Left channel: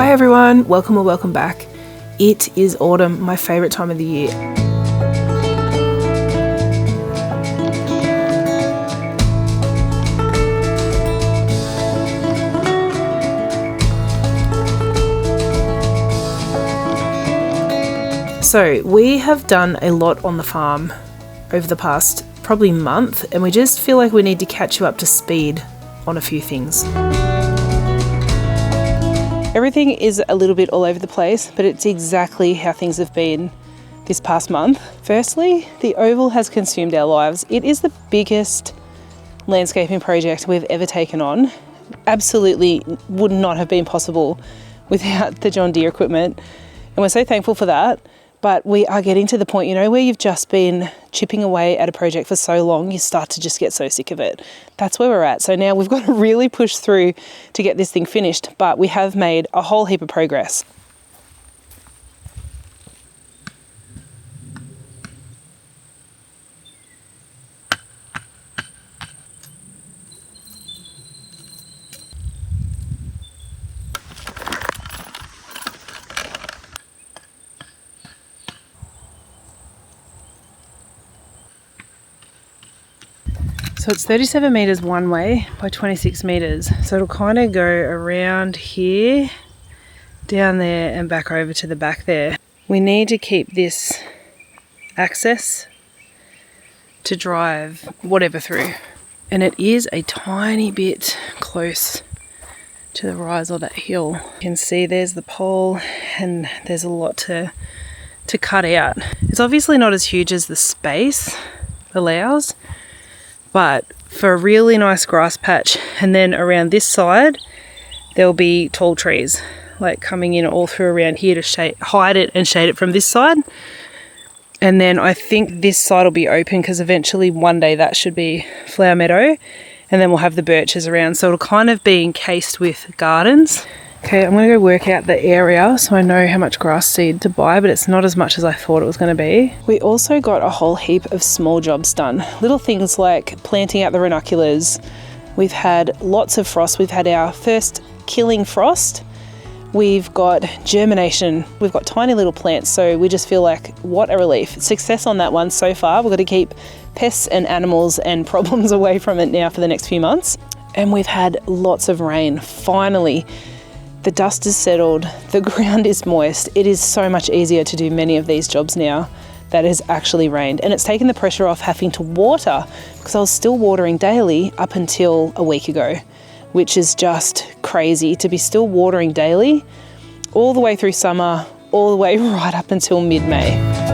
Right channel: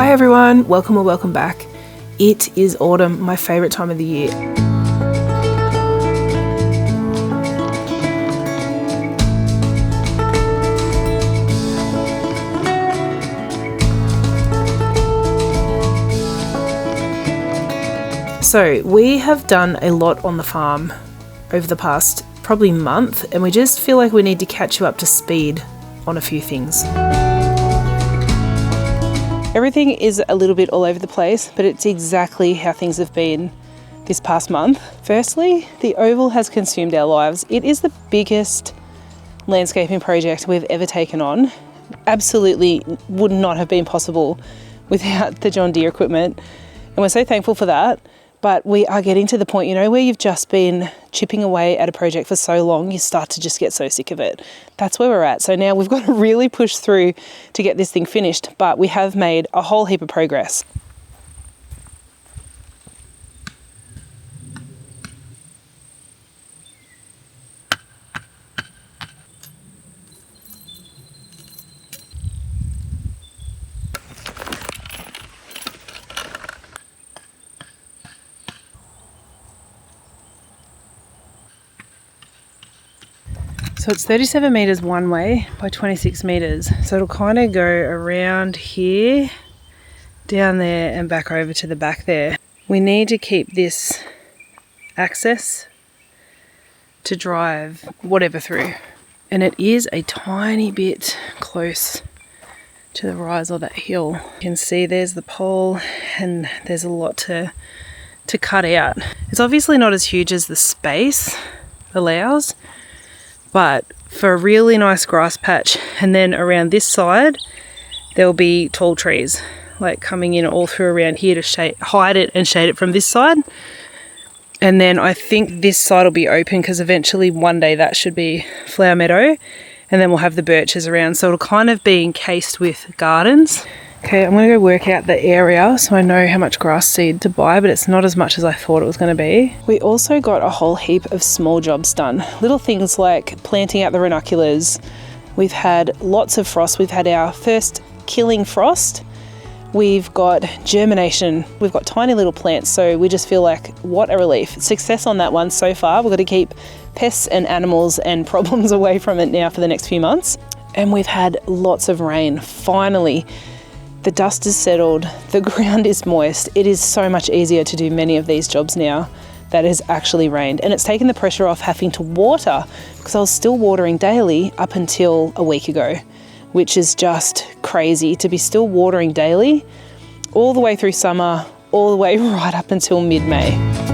Hi everyone, welcome or welcome back. It is autumn, my favourite time of the year. So we have done a lot on the farm over the past probably month, and we just feel like we need to catch you up to speed on a few things. Everything is a little bit all over the place, but it's exactly how things have been this past month. Firstly, the oval has consumed our lives. It is the biggest landscaping project we've ever taken on. Absolutely would not have been possible without the John Deere equipment, and we're so thankful for that. But we are getting to the point, you know, where you've just been chipping away at a project for so long, you start to just get so sick of it. That's where we're at. So now we've got to really push through to get this thing finished, but we have made a whole heap of progress. So it's 37 metres one way by 26 metres. So it'll kind of go around here, down there and back over to the back there. We need to keep this access to drive whatever through. And it is a tiny bit close to the rise of that hill. You can see there's the pole and there's a lot to cut out. It's obviously not as huge as the space allows, but for a really nice grass patch, and then around this side there'll be tall trees like coming in all through around here to hide it and shade it from this side. And then I think this side will be open because eventually one day that should be flower meadow, and then we'll have the birches around, so it'll kind of be encased with gardens. Okay, I'm going to go work out the area so I know how much grass seed to buy, but it's not as much as I thought it was going to be. We also got a whole heap of small jobs done. Little things like planting out the ranunculus. We've had lots of frost. We've had our first killing frost. We've got germination. We've got tiny little plants, so we just feel like what a relief. Success on that one so far. We've got to keep pests and animals and problems away from it now for the next few months. And we've had lots of rain, finally. The dust is settled, the ground is moist. It is so much easier to do many of these jobs now that it has actually rained. And it's taken the pressure off having to water, because I was still watering daily up until a week ago, which is just crazy to be still watering daily all the way through summer, all the way right up until mid-May.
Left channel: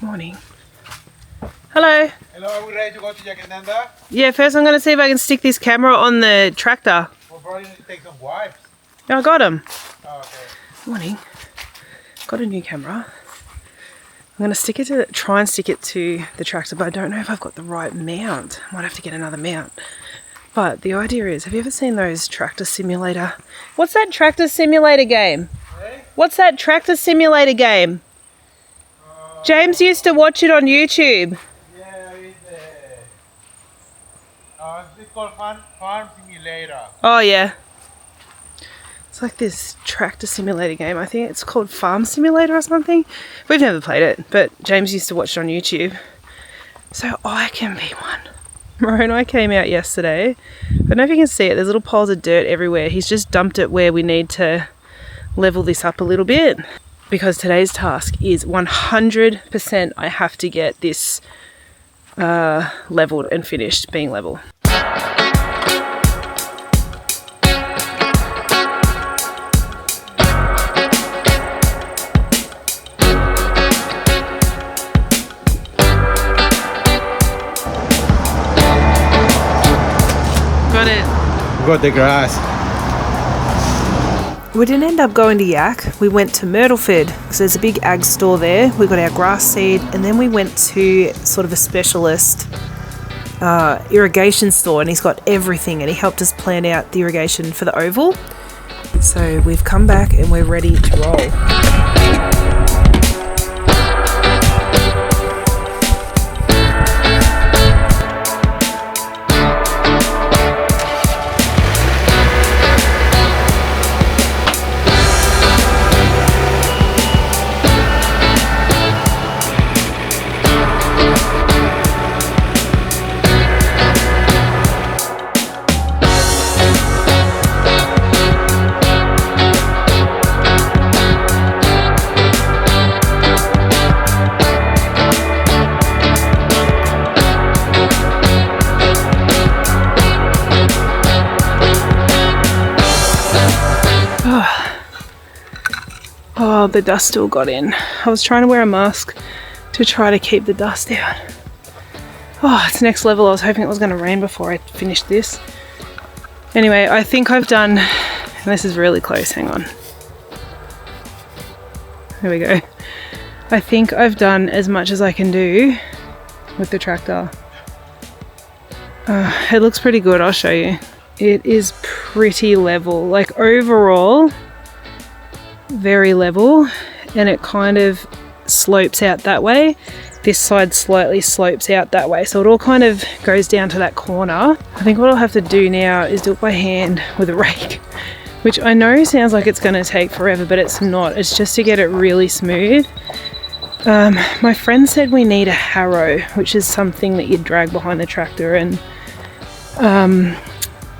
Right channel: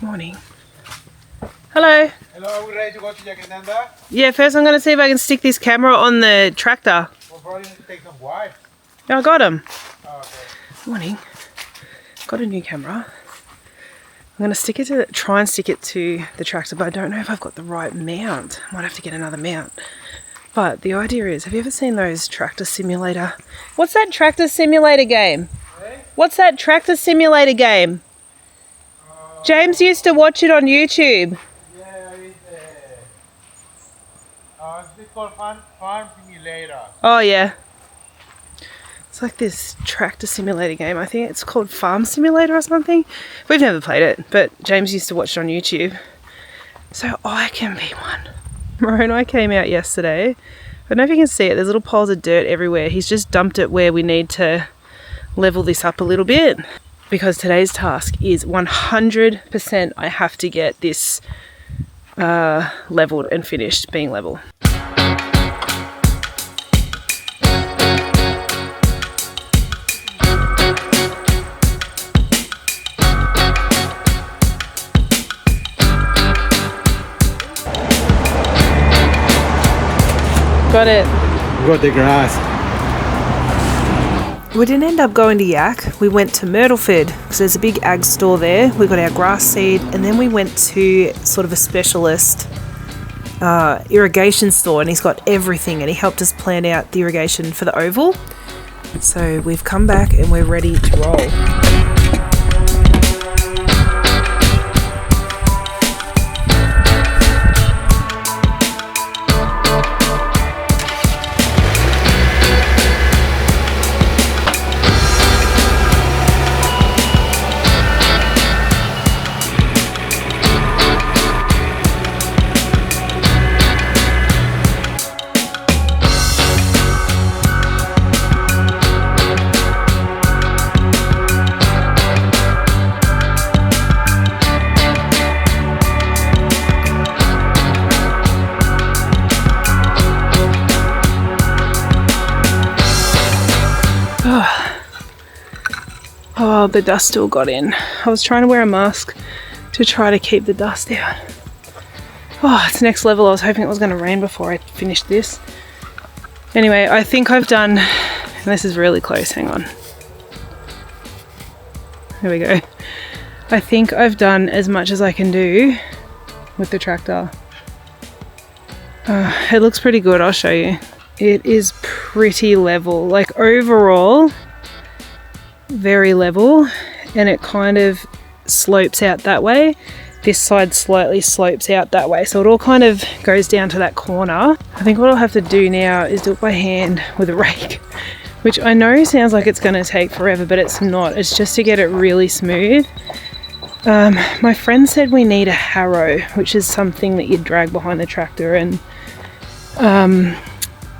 Morning. Hello. Hello, are we ready to go to Yackandandah? Yeah, first I'm going to see if I can stick this camera on the tractor. Well, probably need to take some wires. Yeah, I got him. Oh, okay. Morning. Got a new camera. I'm going to try and stick it to the tractor, but I don't know if I've got the right mount. I might have to get another mount. But the idea is, have you ever seen those tractor simulator? What's that tractor simulator game? Hey? What's that tractor simulator game? James used to watch it on YouTube. Yeah, it's called Farm Simulator. Oh yeah. It's like this tractor simulator game. I think it's called Farm Simulator or something. We've never played it, but James used to watch it on YouTube. So I can be one. Moroni came out yesterday. I don't know if you can see it. There's little piles of dirt everywhere. He's just dumped it where we need to level this up a little bit, because today's task is 100% I have to get this leveled and finished being level. Got it. We got the grass. We didn't end up going to Yak. We went to Myrtleford because there's a big ag store there. We got our grass seed, and then we went to sort of a specialist irrigation store, and he's got everything, and he helped us plan out the irrigation for the oval. So we've come back and we're ready to roll. Oh, the dust still got in. I was trying to wear a mask to try to keep the dust out. Oh, it's next level. I was hoping it was going to rain before I finished this. Anyway, I think I've done, and this is really close, hang on. There we go. I think I've done as much as I can do with the tractor. It looks pretty good, I'll show you. It is pretty level, like overall, very level, and it kind of slopes out that way. This side slightly slopes out that way, so it all kind of goes down to that corner. I think what I'll have to do now is do it by hand with a rake, which I know sounds like it's going to take forever, but it's not. It's just to get it really smooth. My friend said we need a harrow, which is something that you drag behind the tractor and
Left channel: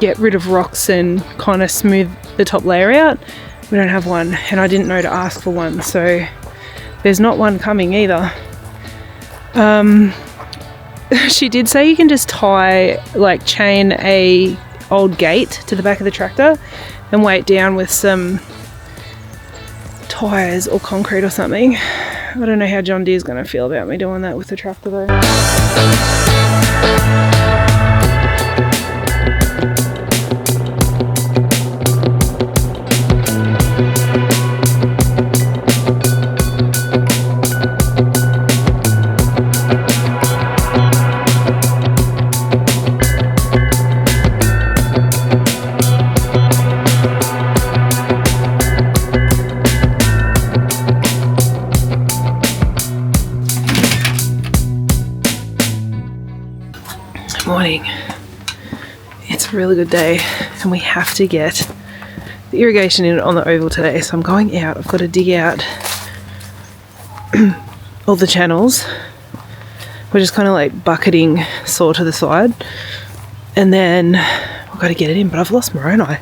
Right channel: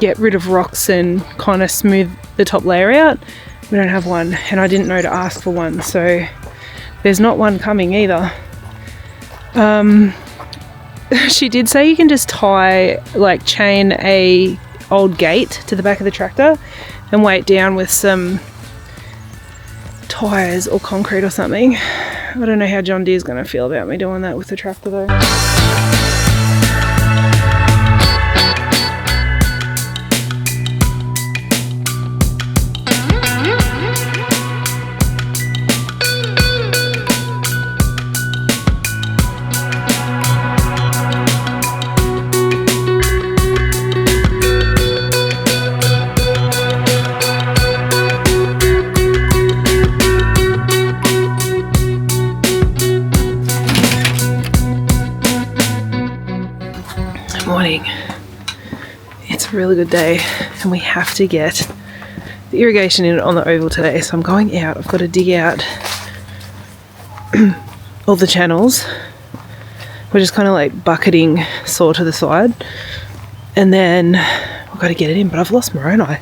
get rid of rocks and kind of smooth the top layer out. We don't have one, and I didn't know to ask for one, so there's not one coming either. She did say you can just tie, like chain a old gate to the back of the tractor and weigh it down with some tires or concrete or something. I don't know how John Deere's going to feel about me doing that with the tractor though. Morning. It's a really good day, and we have to get the irrigation in on the oval today, so I'm going out. I've got to dig out all the channels. We're just kind of like bucketing saw to the side, and then we've got to get it in, but I've lost Moroni.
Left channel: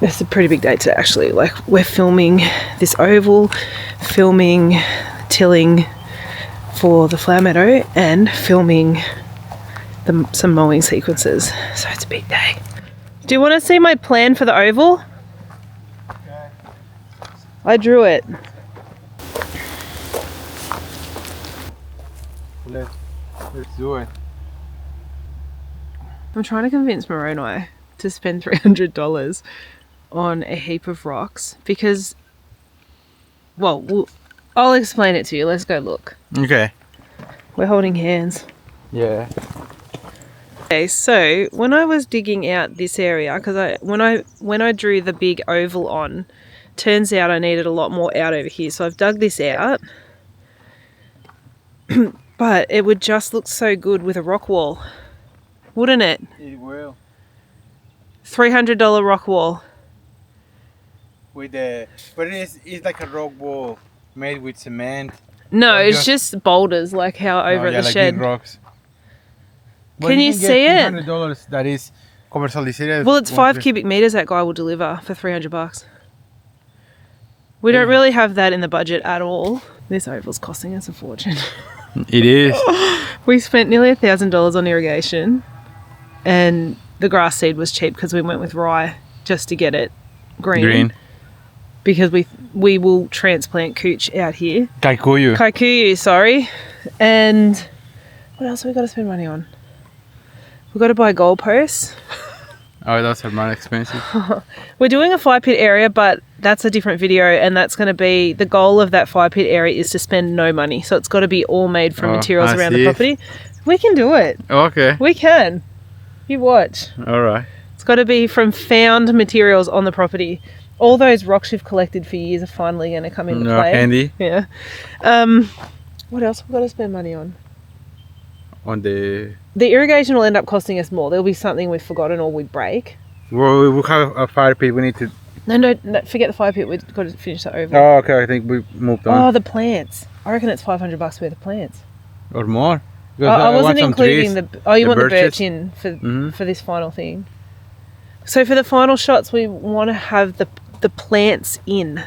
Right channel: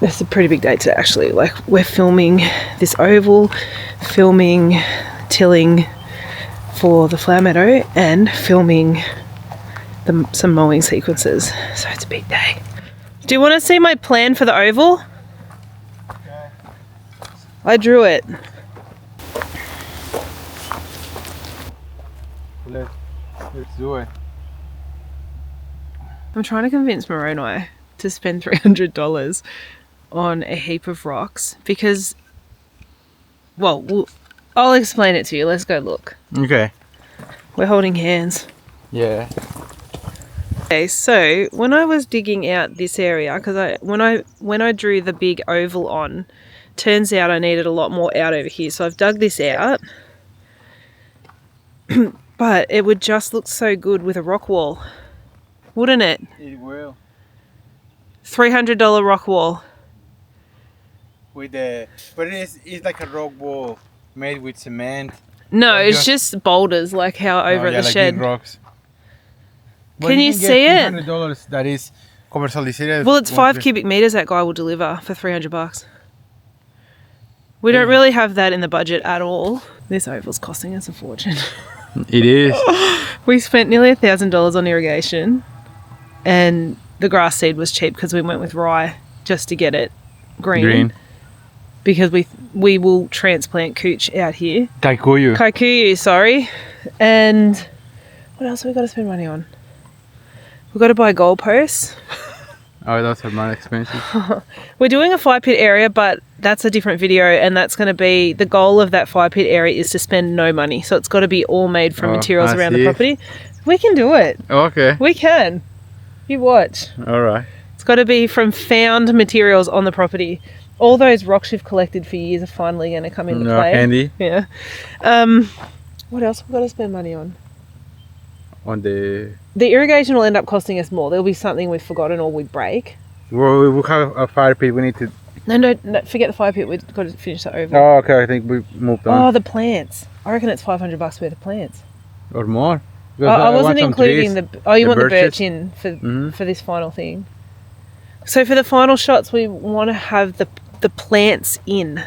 It's a pretty big day today actually. Like, we're filming this oval, filming tilling for the flower meadow, and filming some mowing sequences, so it's a big day. Do you want to see my plan for the oval? Okay. I drew it. Let's do it. I'm trying to convince Moroni to spend $300 on a heap of rocks because, well, I'll explain it to you. Let's go look. Okay. We're holding hands. Yeah. Okay, so when I was digging out this area, because when I drew the big oval on, turns out I needed a lot more out over here, so I've dug this out. But it would just look so good with a rock wall, wouldn't it? It will. $300 rock wall. But it's like a rock wall made with cement. No, it's just boulders, like how over at the like shed. big rocks. Can you see it? $300 that is commercialized. Well, it's 5 cubic meters that guy will deliver for $300. We don't really have that in the budget at all. This oval's costing us a fortune. It is. We spent nearly $1,000 on irrigation, and the grass seed was cheap because we went with rye just to get it green. Because we will transplant cooch out here. Kikuyu, sorry. And what else have we got to spend money on? We've got to buy goalposts. Oh, those are more expensive. We're doing a fire pit area, but that's a different video, and that's going to be, the goal of that fire pit area is to spend no money. So it's got to be all made from materials around the property. We can do it. Okay. We can. You watch. All right. It's got to be from found materials on the property. All those rocks you've collected for years are finally going to come into play. Handy. Yeah. What else have we got to spend money on? On the irrigation will end up costing us more. There'll be something we've forgotten or we break. Well, we have a fire pit. We need to. No, forget the fire pit. We've got to finish that over. Oh, okay. I think we moved on. Oh, the plants. I reckon it's $500 worth of plants. Or more. I wasn't including the. Oh, you want the birch in Mm-hmm. for this final thing. So for the final shots, we want to have the plants in.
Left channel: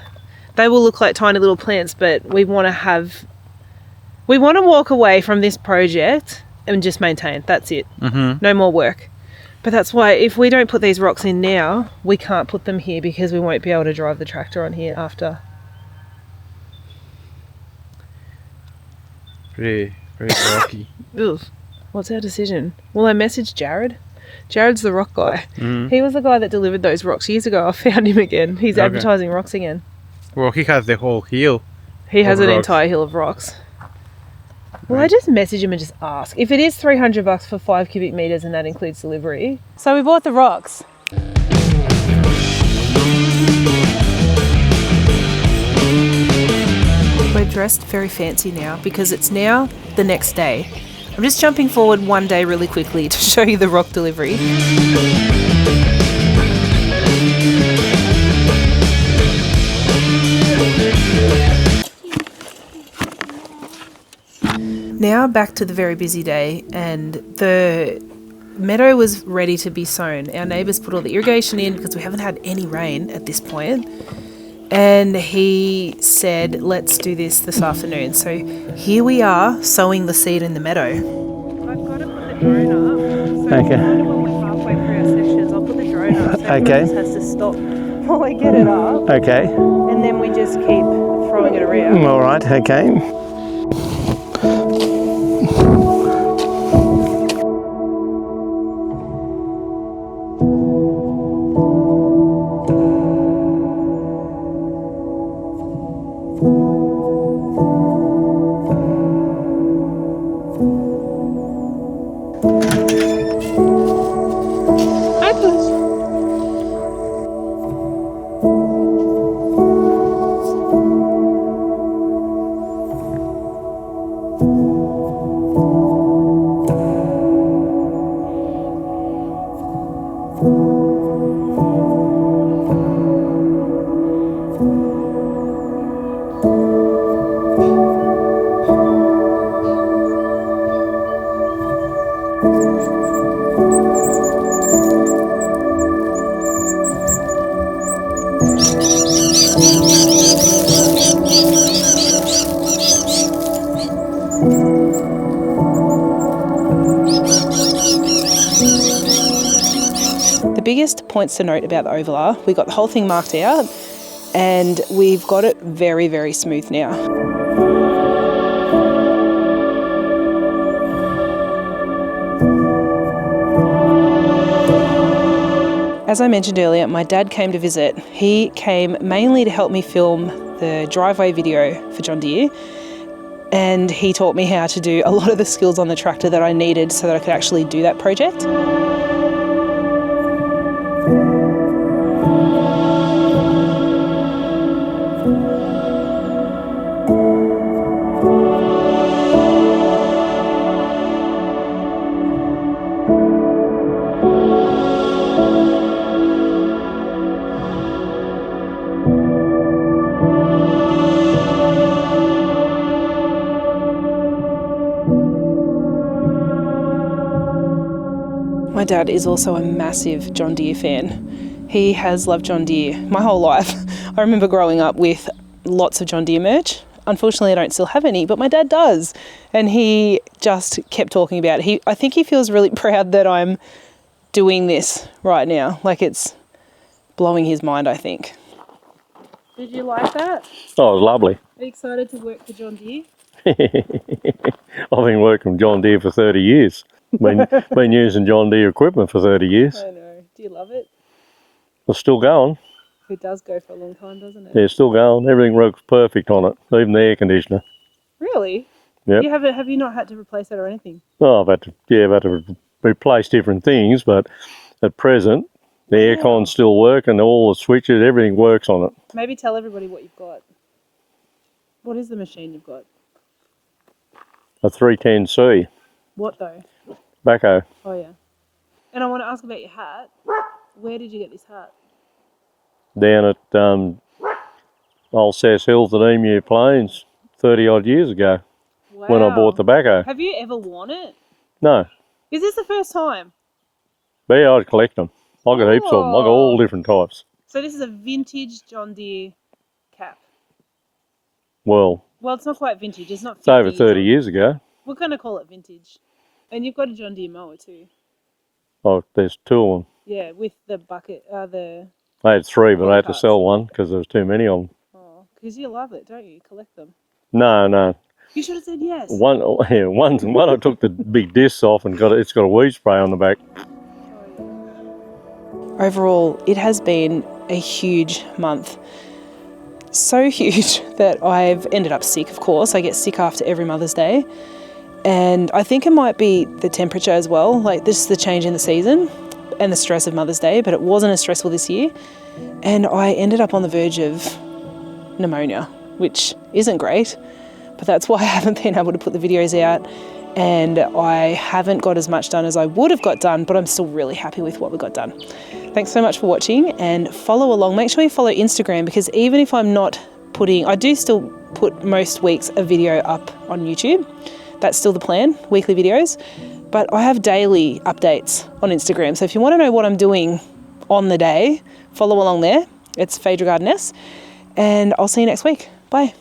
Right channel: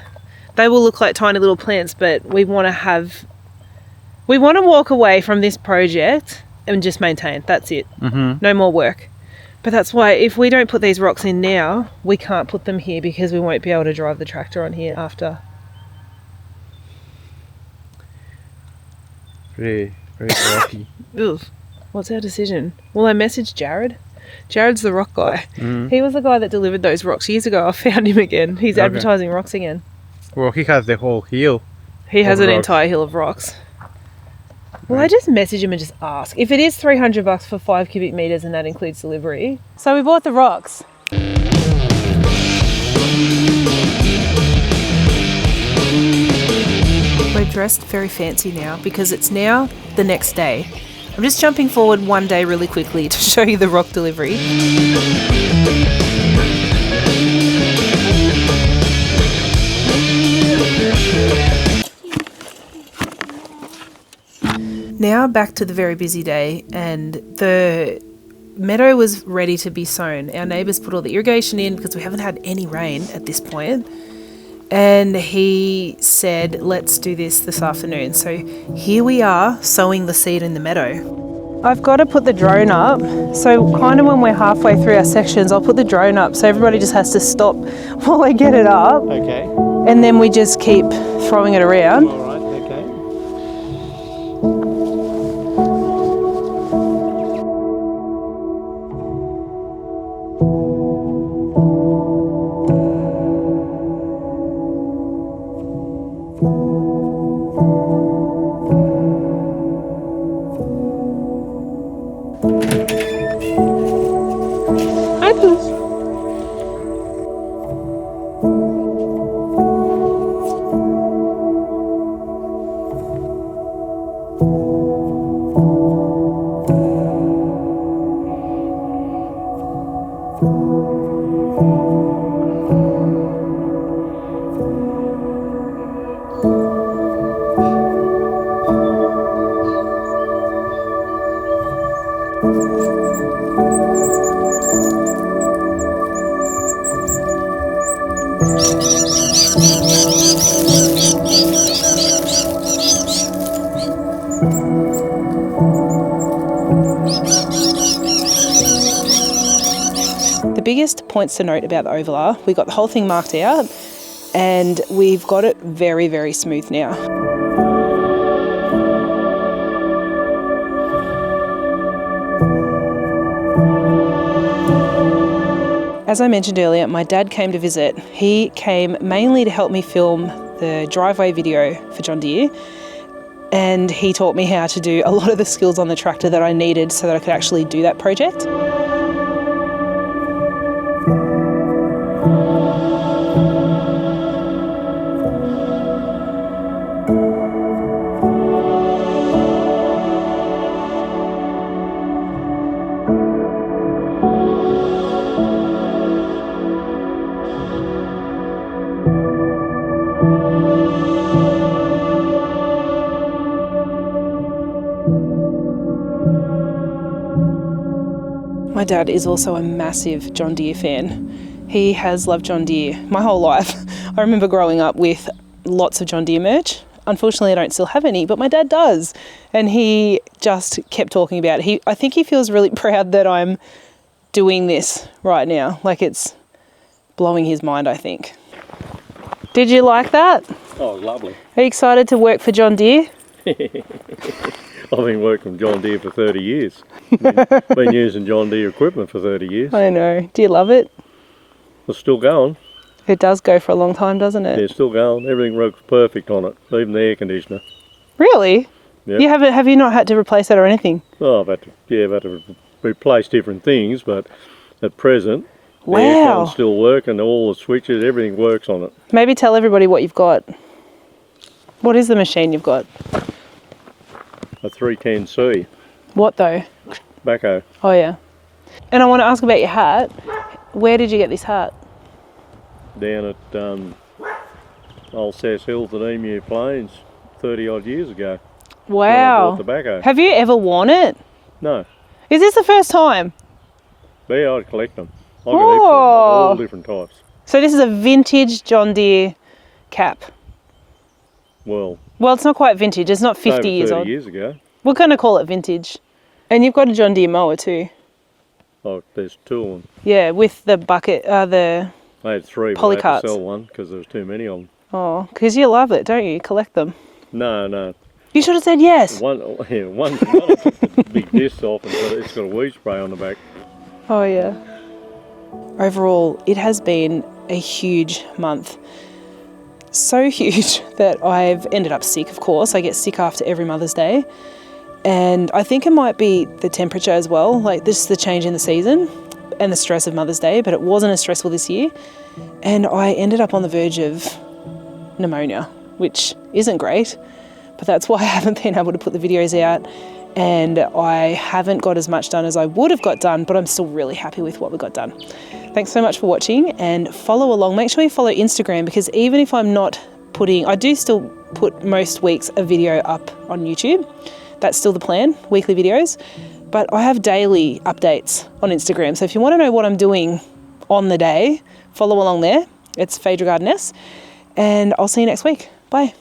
They will look like tiny little plants, but we want to walk away from this project and just maintain. That's it. Mm-hmm. No more work. But that's why if we don't put these rocks in now, we can't put them here because we won't be able to drive the tractor on here after. Very rocky. Ugh. What's our decision? Well, I messaged Jared. Jared's the rock guy. Mm-hmm. He was the guy that delivered those rocks years ago. I found him again. He's advertising rocks again. Well, he has the whole hill. He has an rocks. entire hill of rocks. Well, I just message him and just ask. If it is $300 for 5 cubic meters and that includes delivery. So we bought the rocks. We're dressed very fancy now because it's now the next day. I'm just jumping forward one day really quickly to show you the rock delivery. Now back to the very busy day, and the meadow was ready to be sown. Our neighbours put all the irrigation in because we haven't had any rain at this point. And he said, let's do this afternoon. So here we are sowing the seed in the meadow. I've got to put the drone up. So kind of when we're halfway through our sections, I'll put the drone up so everybody just has to stop while I get it up. Okay. And then we just keep throwing it around. All right, okay. The biggest points to note about the oval are we got the whole thing marked out and we've got it very, very smooth now. As I mentioned earlier, my dad came to visit. He came mainly to help me film the driveway video for John Deere, and he taught me how to do a lot of the skills on the tractor that I needed so that I could actually do that project. My dad is also a massive John Deere fan. He has loved John Deere my whole life. I remember growing up with lots of John Deere merch. Unfortunately, I don't still have any, but my dad does. And he just kept talking about it. I think he feels really proud that I'm doing this right now. Like it's blowing his mind, I think. Did you like that? Oh, lovely. Are you excited to work for John Deere? I've been working with John Deere for 30 years. Been using John Deere equipment for 30 years. I know. Do you love it? It's still going. It does go for a long time, doesn't it? Yeah, it's still going. Everything works perfect on it, even the air conditioner. Really? Yeah. You have you not had to replace that or anything? Oh, I've had to replace different things, but at present, the aircon still works and all the switches, everything works on it. Maybe tell everybody what you've got. What is the machine you've got? A 310C. What though? Backhoe. Oh yeah. And I want to ask about your hat. Where did you get this hat? Down at old Sass Hills at Emu Plains 30 odd years ago. Wow. When I bought the backhoe. Have you ever worn it? No. Is this the first time? But yeah, I'd collect them. I got heaps of them. I got all different types. So this is a vintage John Deere cap. Well, it's not quite vintage. It's not 50 years old. over 30 years ago. We're going to call it vintage. And you've got a John Deere mower too. Oh, there's two of them. Yeah, with the bucket, the... I had three, but I had to Polycarts. sell one because there was too many of them. Oh, because you love it, don't you? You collect them. No. You should have said yes. One I took the big discs off and it's got a weed spray on the back. Oh yeah. Overall, it has been a huge month. So huge that I've ended up sick, of course. I get sick after every Mother's Day. And I think it might be the temperature as well. Like, this is the change in the season and the stress of Mother's Day, but it wasn't as stressful this year. And I ended up on the verge of pneumonia, which isn't great, but that's why I haven't been able to put the videos out. And I haven't got as much done as I would have got done, but I'm still really happy with what we got done. Thanks so much for watching, and follow along. Make sure you follow Instagram, because even if I'm not putting, I do still put most weeks a video up on YouTube. That's still the plan, weekly videos. But I have daily updates on Instagram. So if you want to know what I'm doing on the day, follow along there. It's Phaedra Gardeness. And I'll see you next week. Bye.